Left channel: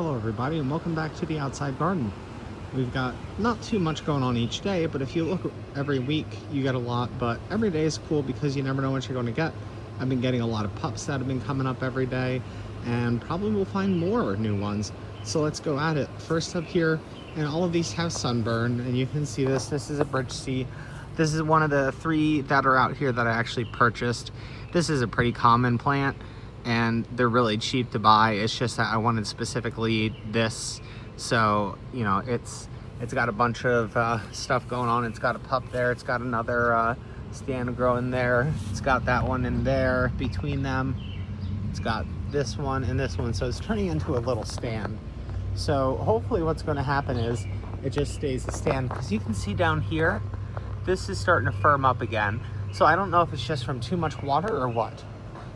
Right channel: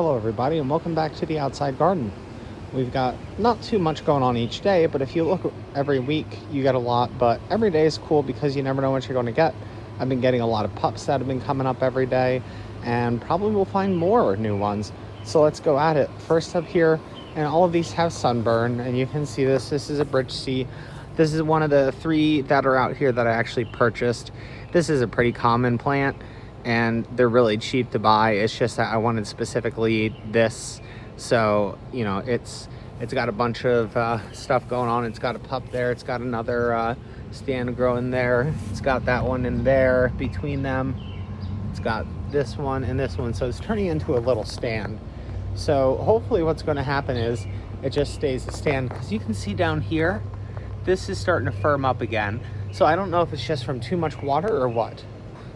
Hello everybody and welcome back to the outside garden. We've got not too much going on each day, but if you look every week you get a lot, but every day is cool because you never know what you're going to get. I've been getting a lot of pups that have been coming up every day, and probably we'll find more new ones. So let's go at it. First up here, and all of these have sunburn, and you can see this is a bridge sea. This is one of the 3 that are out here that I actually purchased. This is a pretty common plant and they're really cheap to buy. It's just that I wanted specifically this, so you know it's got a bunch of stuff going on. It's got a pup there, it's got another stand growing there, it's got that one in there between them, it's got this one and this one, so it's turning into a little stand. So hopefully what's going to happen is it just stays a stand, because you can see down here this is starting to firm up again. So I don't know if it's just from too much water or what.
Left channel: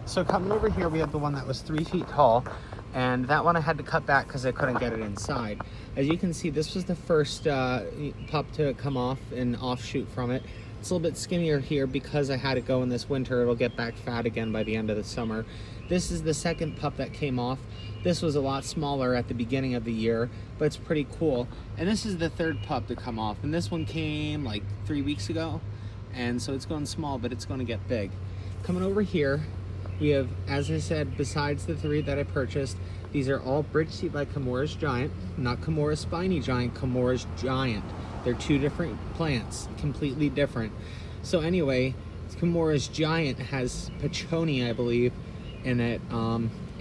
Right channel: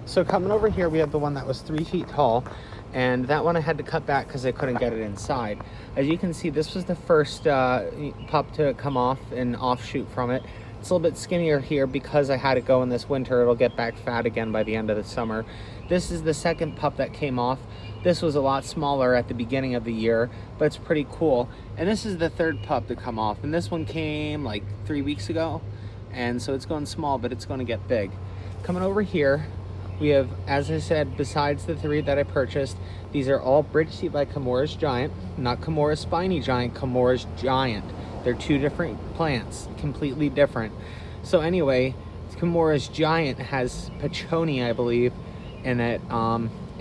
So coming over here, we have the one that was 3 feet tall, and that one I had to cut back because I couldn't get it inside. As you can see, this was the first pup to come off and offshoot from it. It's a little bit skinnier here because I had it go in this winter. It'll get back fat again by the end of the summer. This is the second pup that came off. This was a lot smaller at the beginning of the year, but it's pretty cool. And this is the 3rd pup to come off, and this one came like 3 weeks ago, and so it's going small, but it's going to get big. Coming over here, we have, as I said, besides the 3 that I purchased, these are all bridge seed by Camora's Giant, not Camora's Spiny Giant, Camora's Giant. They're 2 different plants, completely different. So anyway, Camora's Giant has Pachoni, I believe, in it,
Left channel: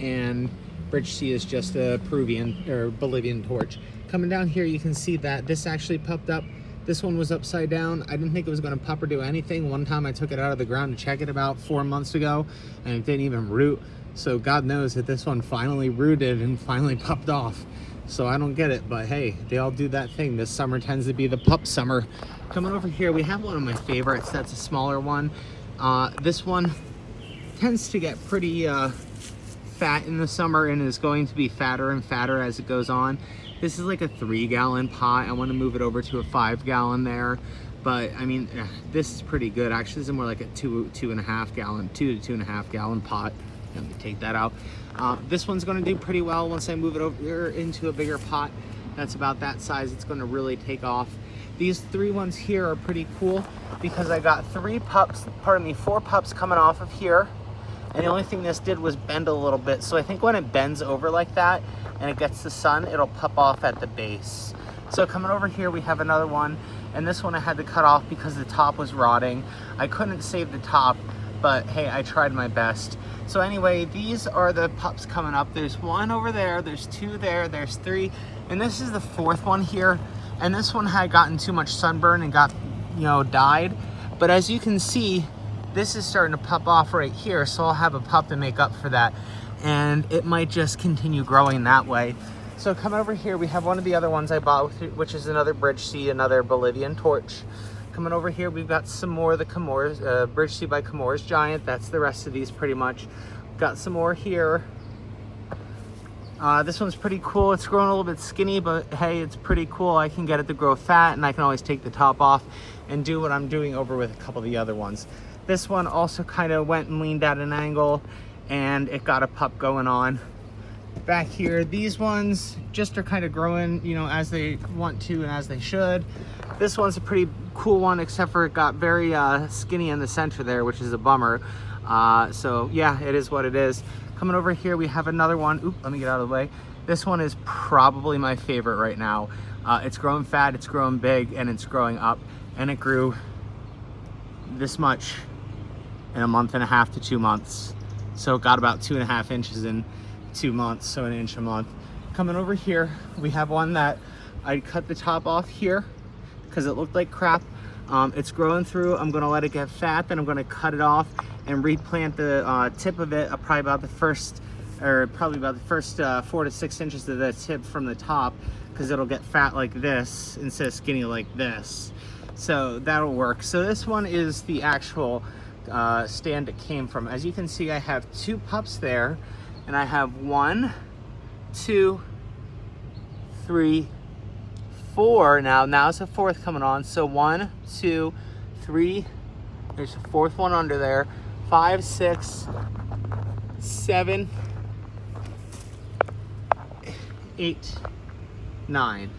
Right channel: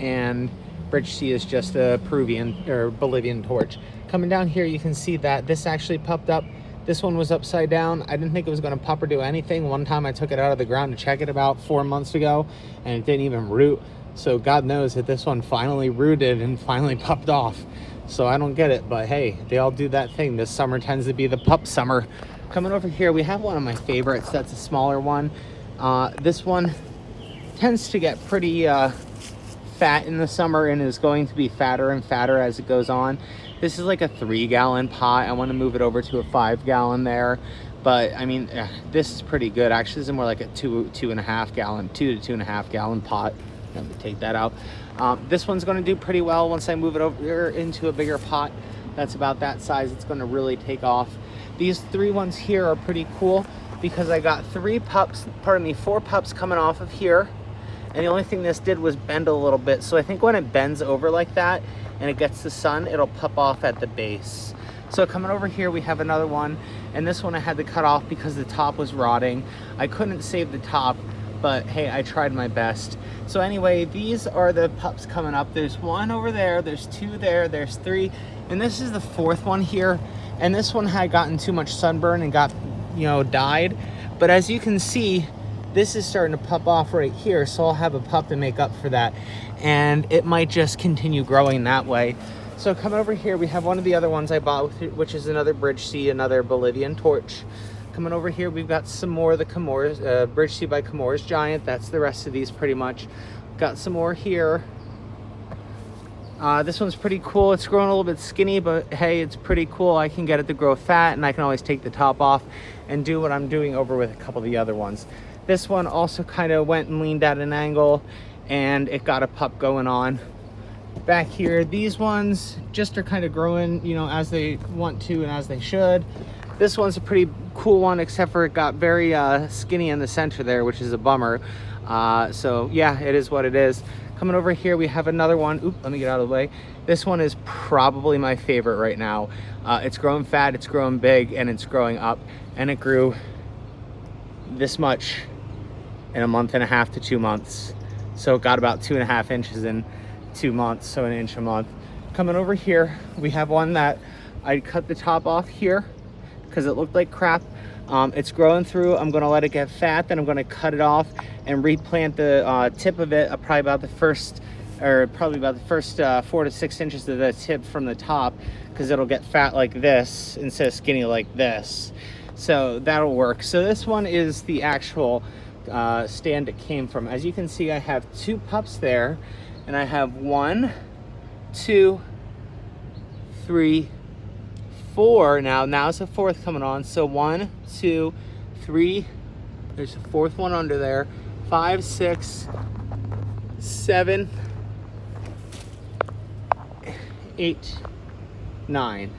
and bridge seed is just a Peruvian or Bolivian torch. Coming down here, you can see that this actually pupped up. This one was upside down. I didn't think it was going to pup or do anything. One time I took it out of the ground to check it about 4 months ago, and it didn't even root. So God knows that this one finally rooted and finally pupped off. So I don't get it, but hey, they all do that thing. This summer tends to be the pup summer. Coming over here, we have one of my favorites. That's a smaller one. This one tends to get pretty fat in the summer and is going to be fatter and fatter as it goes on. This is like a 3-gallon pot. I want to move it over to a 5-gallon there, but I mean, this is pretty good. Actually, this is more like a 2.5 gallon, 2 to 2.5 gallon pot. Let me take that out. This one's going to do pretty well once I move it over into a bigger pot. That's about that size. It's going to really take off. These 3 ones here are pretty cool because I got 4 pups coming off of here. And the only thing this did was bend a little bit. So I think when it bends over like that and it gets the sun, it'll pop off at the base. So coming over here, we have another one. And this one I had to cut off because the top was rotting. I couldn't save the top, but hey, I tried my best. So anyway, these are the pups coming up. There's 1 over there, there's 2 there, there's 3. And this is the 4th one here. And this one had gotten too much sunburn and got, died. But as you can see, this is starting to pup off right here, so I'll have a pup to make up for that, and it might just continue growing that way. So coming over here, we have one of the other ones I bought, which is another bridge seed, another Bolivian torch. Coming over here, we've got some more of the Camora's bridge seed by Camora's Giant. That's the rest of these pretty much. Got some more here. This one's pretty cool. It's growing a little bit skinny, but hey, it's pretty cool. I can get it to grow fat, and I can always take the top off and do what I'm doing over with a couple of the other ones. This one also kind of went and leaned at an angle, and it got a pup going on. Back here, these ones just are kind of growing, as they want to and as they should. This one's a pretty cool one, except for it got very skinny in the center there, which is a bummer. So yeah, it is what it is. Coming over here, we have another one. Oop, let me get out of the way. This one is probably my favorite right now. It's growing fat, it's growing big, and it's growing up. And it grew this much in a month and a half to 2 months. So it got about 2.5 inches in 2 months, so 1 inch a month. Coming over here, we have one that I cut the top off here because it looked like crap. It's growing through. I'm gonna let it get fat, then I'm gonna cut it off and replant the tip of it probably about the first 4 to 6 inches of the tip from the top, because it'll get fat like this instead of skinny like this. So that'll work. So this one is the actual stand it came from. As you can see, I have 2 pups there, and I have 1, 2, 3, 4 now it's a 4th coming on. So 1, 2, 3, there's a 4th one under there, 5, 6, 7, 8, 9.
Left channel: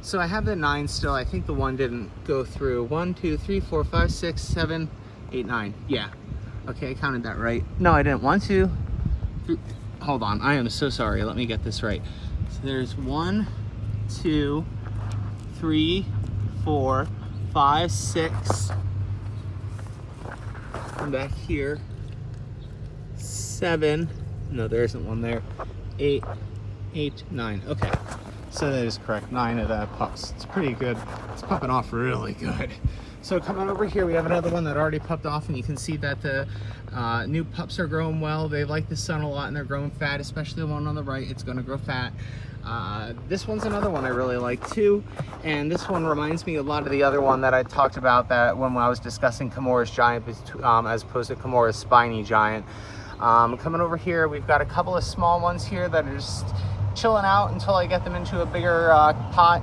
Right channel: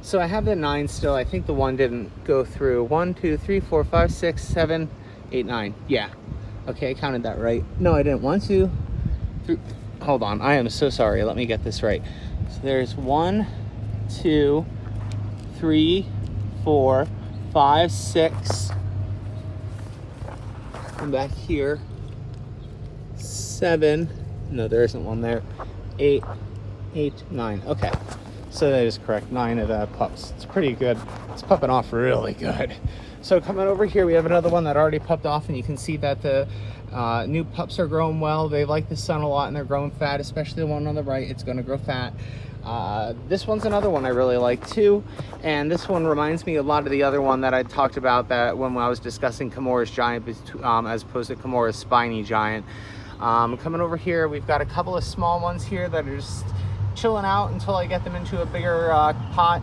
So I have the 9 still. I think the 1 didn't go through. 1, 2, 3, 4, 5, 6, 7, 8, 9. Yeah. Okay, I counted that right. No, I didn't. 1, 2, 3. Hold on. I am so sorry. Let me get this right. So there's 1, 2, 3, 4, 5, 6. And back here, 7. No, there isn't one there. 8, 9. Okay. So that is correct. 9 of the pups. It's pretty good. It's pupping off really good. So coming over here, we have another one that already pupped off, and you can see that the new pups are growing well. They like the sun a lot, and they're growing fat, especially the one on the right. It's going to grow fat. This one's another one I really like too, and this one reminds me a lot of the other one that I talked about that when I was discussing Kimura's giant as opposed to Kimura's spiny giant. Coming over here, we've got a couple of small ones here that are just chilling out until I get them into a bigger pot,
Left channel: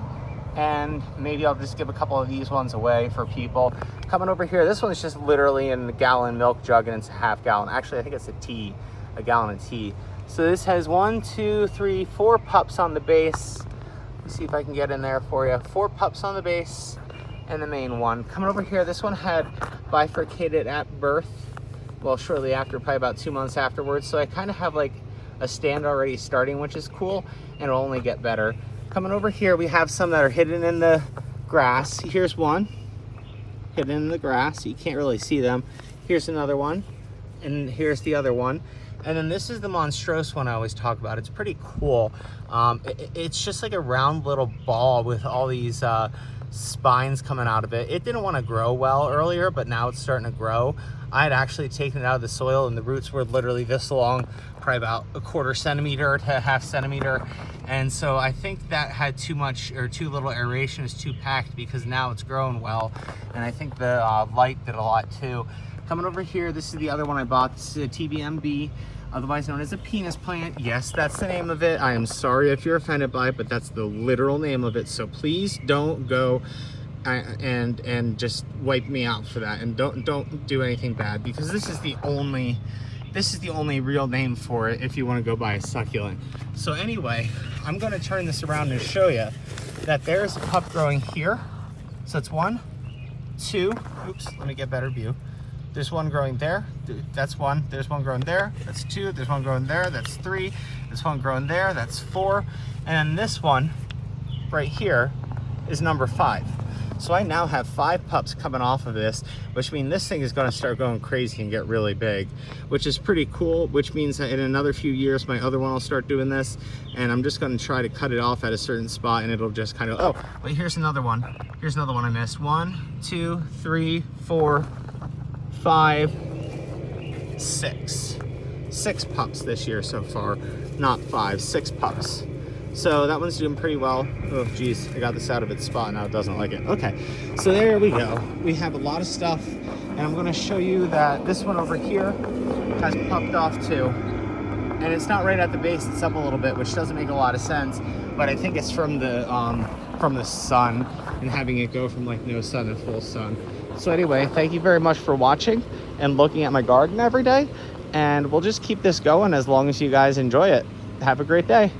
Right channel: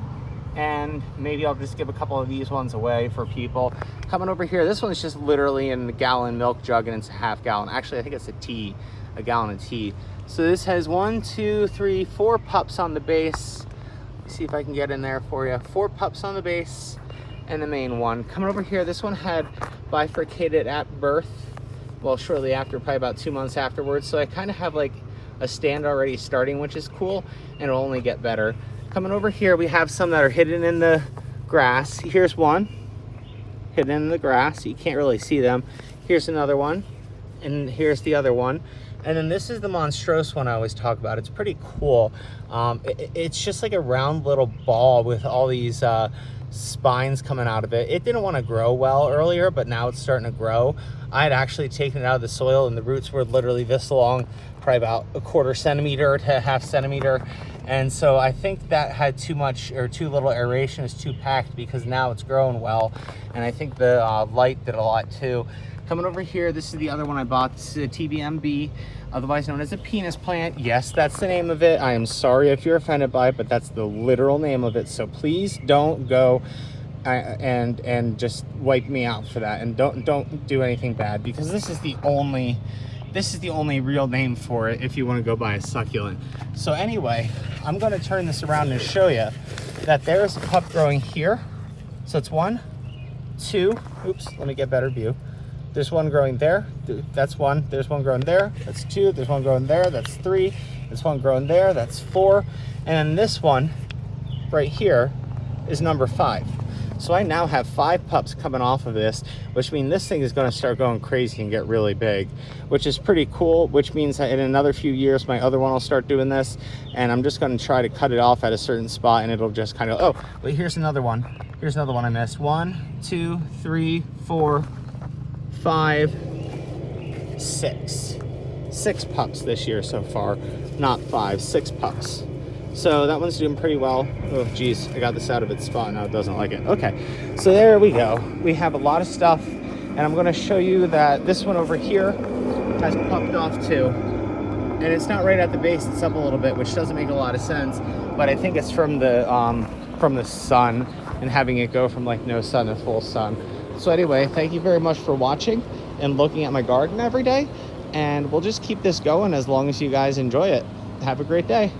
and maybe I'll just give a couple of these ones away for people. Coming over here, this one's just literally in the gallon milk jug, and it's a half gallon. Actually, I think it's a gallon of tea. So this has 1, 2, 3, 4 pups on the base. Let's see if I can get in there for you. 4 pups on the base and the main one. Coming over here, this one had bifurcated at birth. Well, shortly after, probably about 2 months afterwards. So I kind of have like a stand already starting, which is cool, and it'll only get better. Coming over here, we have some that are hidden in the grass. Here's one hidden in the grass. You can't really see them. Here's another one, and here's the other one. And then this is the monstrose one I always talk about. It's pretty cool. It's just like a round little ball with all these spines coming out of it. It didn't want to grow well earlier, but now it's starting to grow. I had actually taken it out of the soil, and the roots were literally this long, probably about 1/4 centimeter to 1/2 centimeter. And so I think that had too much or too little aeration. It's too packed, because now it's growing well. And I think the light did a lot too. Coming over here, this is the other one I bought. This is a TBMB, otherwise known as a penis plant. Yes, that's the name of it. I am sorry if you're offended by it, but that's the literal name of it. So please don't go and just wipe me out for that, and don't do anything bad, because this is the only real name for it if you want to go buy a succulent. So anyway, I'm going to turn this around and show you that there's a pup growing here. So it's 1, 2, oops, let me get better view. There's one growing there, that's 1. There's one growing there, that's 2. There's one growing there, that's 3. There's one growing there, that's 4. And then this one right here is number 5. So I now have 5 pups coming off of this, which means this thing is going to start going crazy and get really big, which is pretty cool, which means that in another few years, my other one will start doing this, and I'm just going to try to cut it off at a certain spot, and it'll just kind of, oh, wait, here's another one. Here's another one I missed. 1, 2, 3, 4, 5, 6. 6 pups this year so far, not 5, 6 pups. So that one's doing pretty well. Oh, geez, I got this out of its spot, now it doesn't like it. Okay, so there we go. We have a lot of stuff, and I'm gonna show you that this one over here has pupped off too. And it's not right at the base, it's up a little bit, which doesn't make a lot of sense, but I think it's from the sun and having it go from like no sun to full sun. So anyway, thank you very much for watching and looking at my garden every day, and we'll just keep this going as long as you guys enjoy it. Have a great day.